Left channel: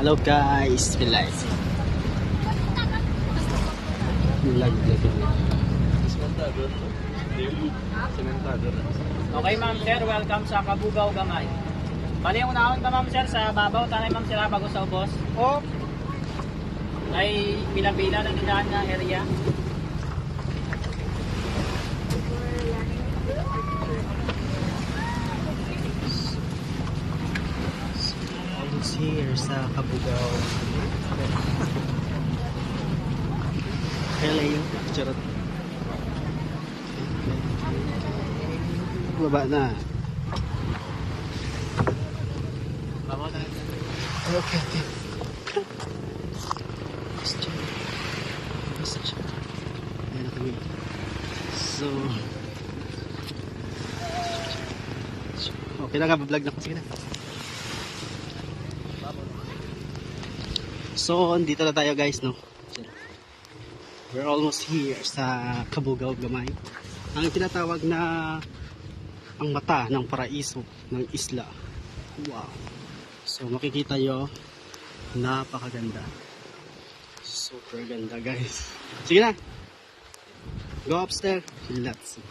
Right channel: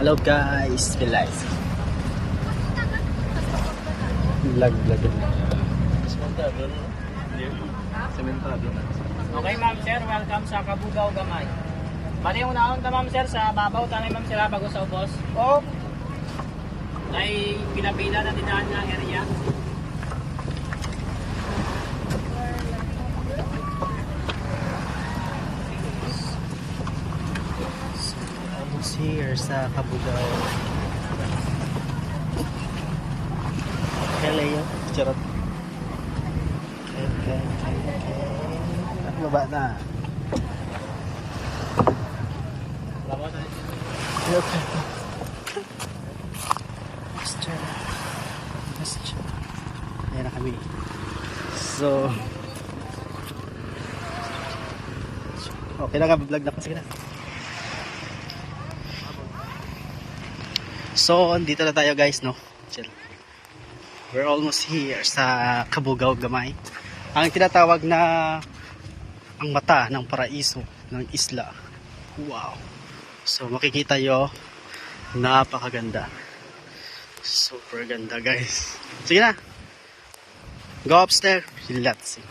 Hello guys, relax. Vlog. Okay ma'am sir, welcome sa Kabugaw Gamay. Bali yung unahon ta ma'am sir sa babaw tanay ma'am sila bago sa ubos. Oh, Ay pila-pila na tindahan na area. almost here sa Kabugaw. Hey Leo, charot. Okay. Baba na. Babaw tayo. Okay. Ayan na kami. So, okay na nga, vlog na ko. Sige na. So, andito na tayo guys, no? We're almost here sa Kabugaw Gamay. Ang tinatawag na ang mata ng paraiso ng isla. Wow! So, makikita nyo, napakaganda. Super ganda guys. Sige na! Go upstairs. Let's see.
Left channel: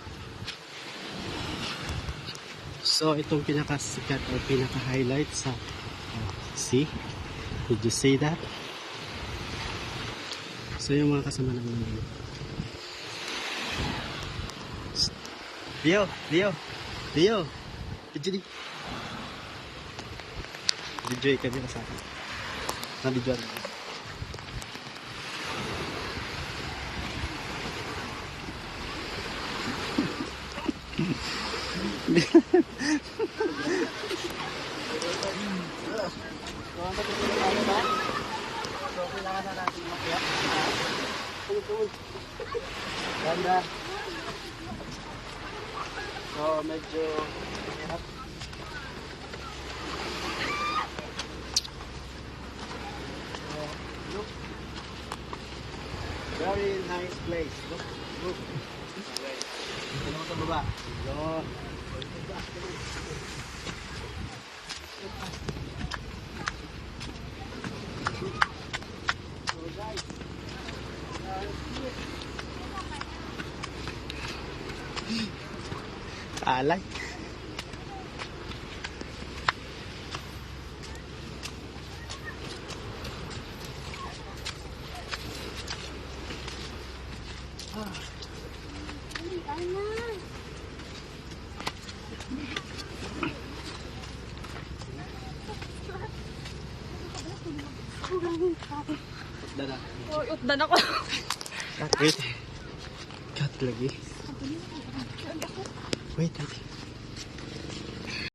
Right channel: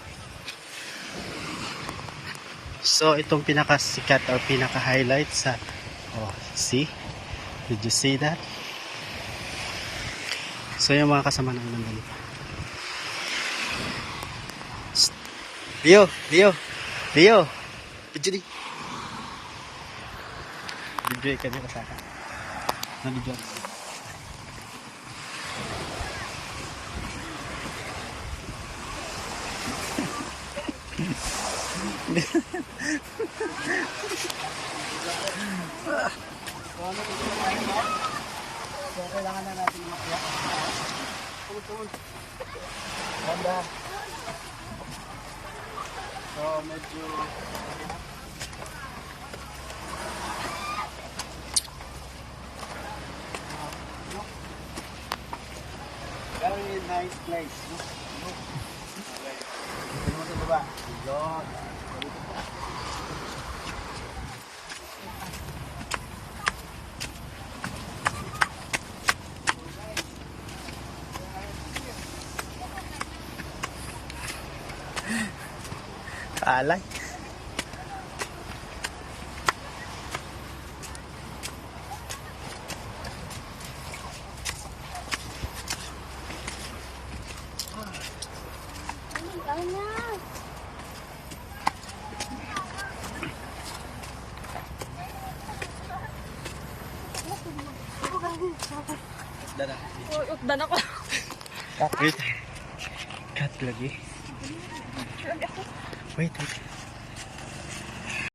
So, itong pinakasikat or pinaka-highlight sa... Oh, see? Did you see that? So, yung mga kasama ng nandun. Leo! Bidyo ka di ba sa akin? Nabidyo. So kailangan na natin makuha. Ganda. So, medyo... Very nice place. Look. Dito naman sa baba. Yun. Alay. Dada. Oh, utdan ako. Wait. Cut lagi. Wait.